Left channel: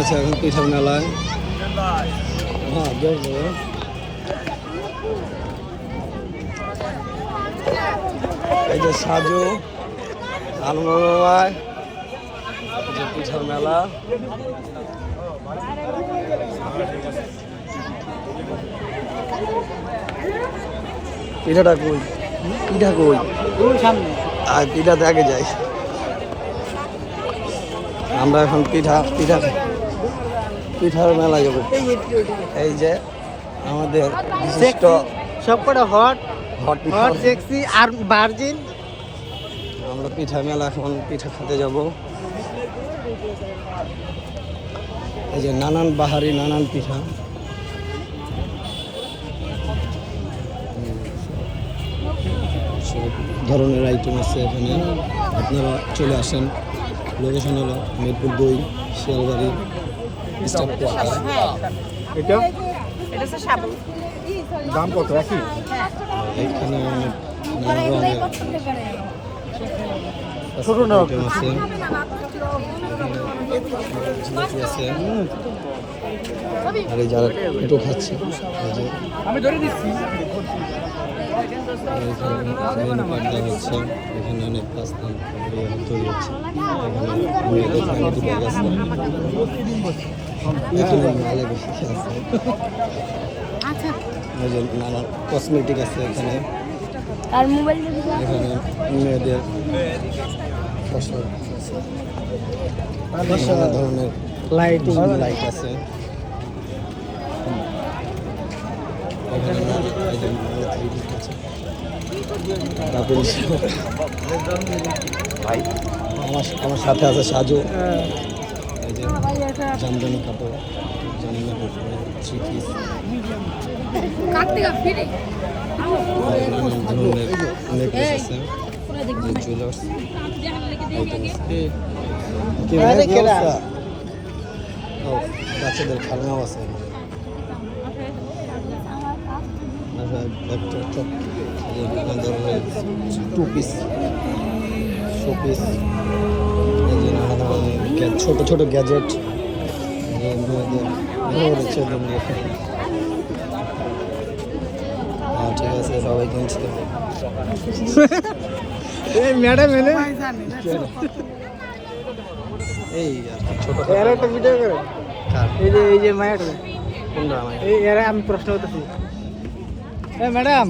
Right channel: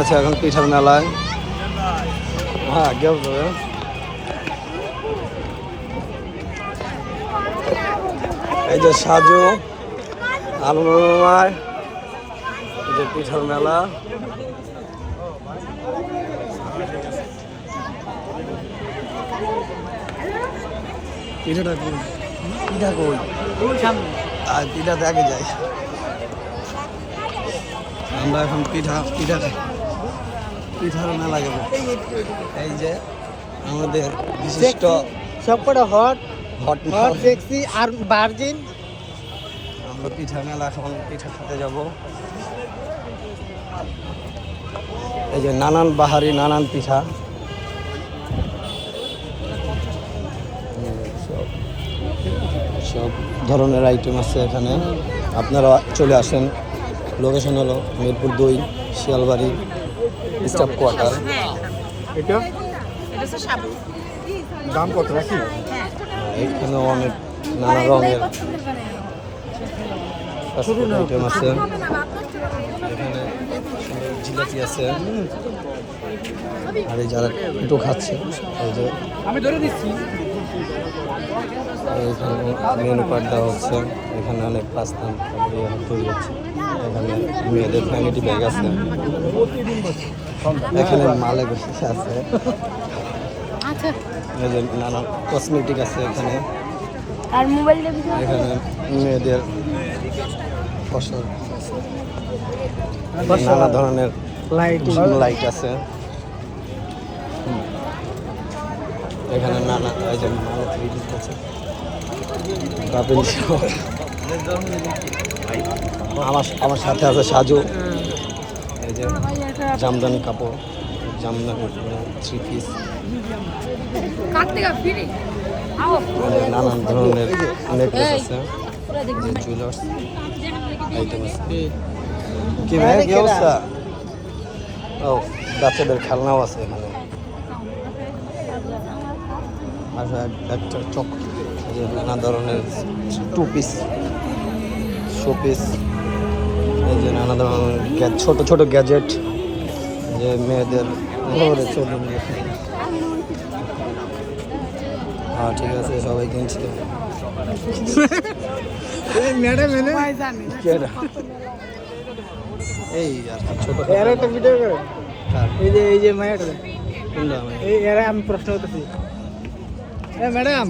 আছে এখন পিঠার মেলায়। হ্যাঁ কেউ এই যে সাজু আলমায় এই যে পিঠার মেলা। পিঠাটা কই? পিঠা কই? আর পিঠা দেখে যাই। আমরা এখন পিঠা পিঠা পিঠার মেলা যাব। এই যে আমাদের বিশিষ্ট সবকটা হট হট হট সেক্সি আর ভার্জিন আমরা পিঠার মেলা এখন পিঠা খেতে যাব। এই যে নানান বাহারি নানান পিঠা। সব- সব ধরনের আইটেম আছে এখানে। আপনারা চলে আসেন। লোকেশন হলো মিরপুর দুই শিয়ালবাড়ি। স্টাফ কোয়ার্টার এটা? এটা দাম কত একই? এখানে অনেক নানা রঙের ছোট আইটেম আছে। জিলাপি আছে। আর এই যারা একটু খাচ্ছে এই যে আমি ধরে দিচ্ছি। মেনু কার্ড দেওয়া হচ্ছে। এখানে অনেক পাস্তা তৈরি হচ্ছে। এখানে মেয়েদের ভ্যানিটি ব্যাগ আছে এখানে মালে বেশি আছে। আচ্ছা। নানা কসমেটিক আছে এখানে। আর মোবাইল এখানে মেয়েদের পোশাক নানা ধরনের লাইটিং লাইট আছে। এখানে নানা এই যে নানা থ্রি আছে। আমার আমার সাথে আছে সাজু। এই যে জামদানি কাপড় জামদানি থ্রি পিস আও। নানান ধরনের নেকলেস আছে। যে জুয়েলার্স আইটেম আছে। কি ভাই কি অবস্থা? ও বাচ্চাদের খেলনাও আছে এখানে। আচ্ছা একটা চক যে নানা ধরনের টু পিস শো পিস নানা ধরনের ছোট ছোট গ্যাজেট যে মেয়েদের রয়েছে হ্যাঁ ঠিক আছে সবাই কিনছে। এই ম্যাডাম এলে? এই আর কি ছোট ছোট এই যে এই যে ম্যাডাম। কোনটা? আমি প্রশ্ন করতেছি। ম্যাডাম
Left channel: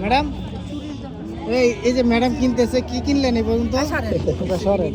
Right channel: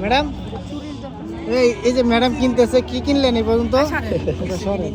ম্যাডাম এই এই যে ম্যাডাম কিনতেছে কি কিনলেন এই পর্যন্ত? সরেন।